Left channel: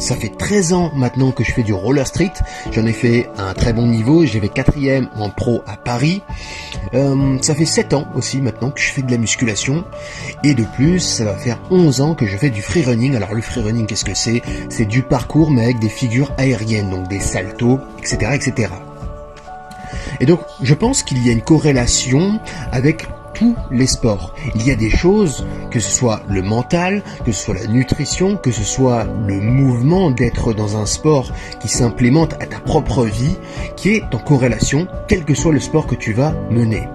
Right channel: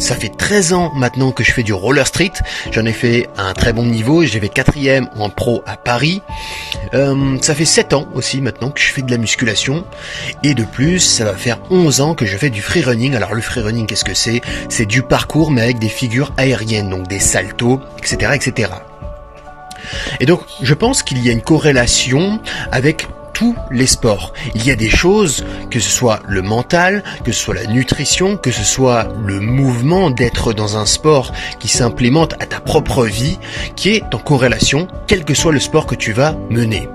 Ça fait 13 ans maintenant que je fais du roller street. J'en ai fait à un très bon niveau. J'avais 4e en pro à Paris. Ça fait 7 ans aussi maintenant que je fais de la musculation. Et de plus, ça va faire 11 ans que je fais du free running. Alors le free running, qu'est-ce que c'est? C'est du parcours mais avec des figures aériennes, donc des saltos, etc., etc. Et donc, je pense qu'il y a une corrélation avec tous les sports. Il y a des choses, que ce soit le mental, que ce soit la nutrition, que ce soit le mouvement d'être dans un sport qui s'implémente à ta propre vie, qui est en corrélation, quel que soit le sport que tu vas mener.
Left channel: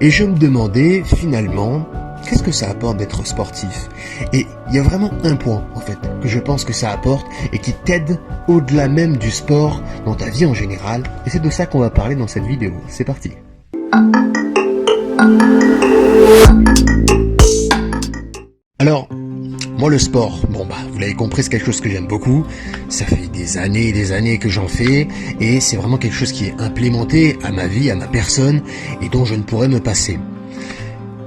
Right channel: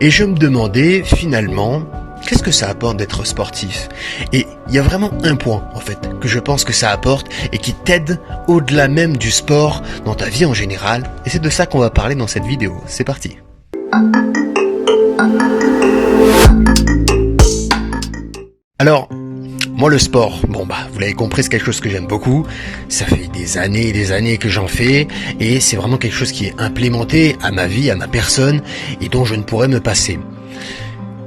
Et je me demandais finalement, qu'est-ce que ça apporte d'être sportif? Et il y a vraiment un point, en fait, que je pense que ça apporte et qui t'aide au-delà même du sport dans ta vie en général. Et c'est de ça qu'on va parler dans cette vidéo. C'est parti. Alors, moi le sport, vous l'avez compris, c'est quelque chose que j'aime beaucoup. Ça fait des années et des années que j'en fais et c'est vraiment quelque chose qui est implémenté à ma vie, à ma personne et dont je ne pourrais me passer.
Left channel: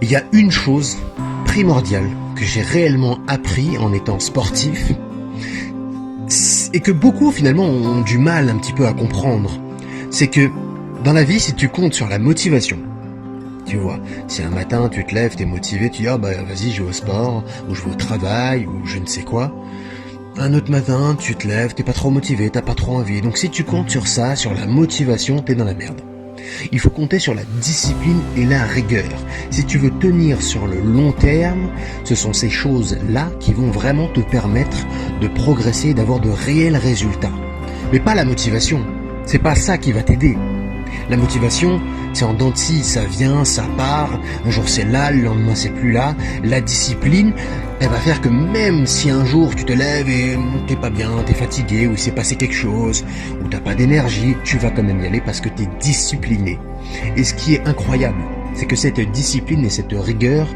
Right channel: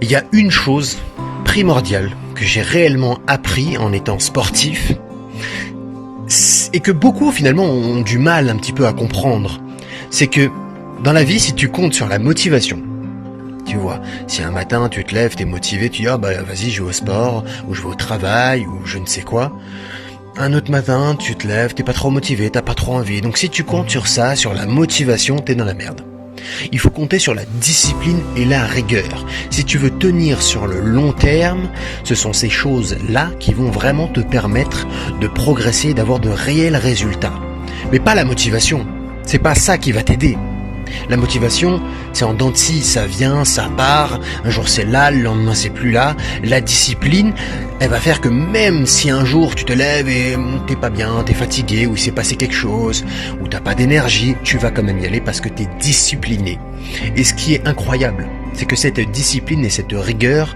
Il y a une chose primordiale que j'ai réellement appris en étant sportif et que beaucoup finalement ont du mal un petit peu à comprendre. C'est que dans la vie, si tu comptes sur la motivation, tu vois, si un matin tu te lèves, t'es motivé, tu dis vas-y je vais au sport, ou je vais au travail, ou je ne sais quoi. Un autre matin, tu te lèves, t'es pas trop motivé, t'as pas trop envie. Donc si tu comptes sur ça, sur la motivation, t'es dans la merde. Il faut compter sur la discipline et la rigueur. Si tu veux tenir sur le long terme, ce sont ces choses-là qui vont vraiment te permettre de progresser et d'avoir de réels résultats. Mais pas la motivation. C'est pas ça qui va t'aider. La motivation, c'est en dents de scie, ça vient, ça part, un jour c'est là, le lendemain c'est plus là. La discipline, elle va faire que même si un jour tu te lèves et t'es pas bien, t'es fatigué, ou il s'est passé quelque chose, ou t'as pas d'énergie, tu vas quand même y aller parce que t'es discipliné. Et ce qui est incroyable, c'est que cette discipline et cette rigueur,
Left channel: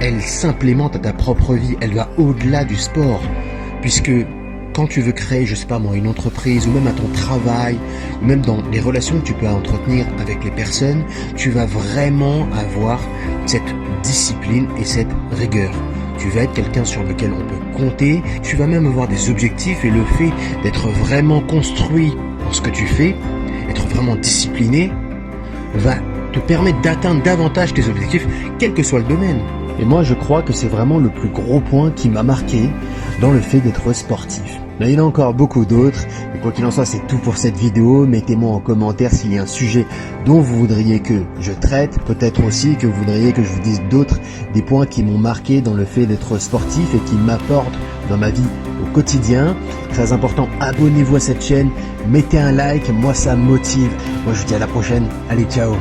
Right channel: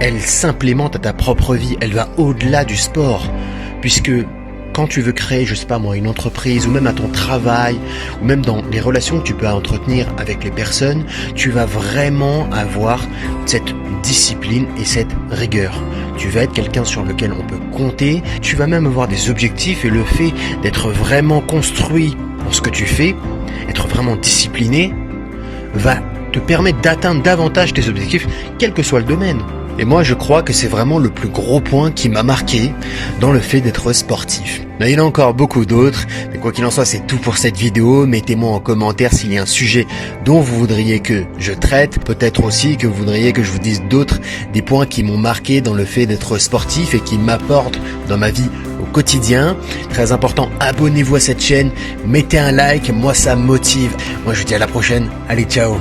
elle s'implémente à ta propre vie, elle va au-delà du sport, puisque quand tu veux créer, je sais pas moi, une entreprise, ou même à ton travail, ou même dans les relations que tu peux entretenir avec les personnes, tu vas vraiment avoir cette discipline et cette rigueur. Tu vas être quelqu'un sur lequel on peut compter, tu vas même avoir des objectifs et le fait d'être vraiment construit dans ce que tu fais, être vraiment discipliné, va te permettre d'atteindre davantage tes objectifs, quel que soit le domaine. Et moi, je crois que c'est vraiment le plus gros point qui m'a marqué dans le fait d'être sportif. Là, il y en a encore beaucoup d'autres, mais quoi qu'il en soit, c'est tout pour cette vidéo. Mettez-moi en commentaire s'il y a un sujet dont vous voudriez que je traite. Peut-être aussi que vous voudriez que je vous dise d'autres, des points qui m'ont marqué dans le fait d'être sportif et qui m'apportent dans ma vie au quotidien. Très important, abonnez-vous à cette chaîne, mettez un like, moi ça me motive. Moi, je vous dis à la prochaine. Allez, ciao!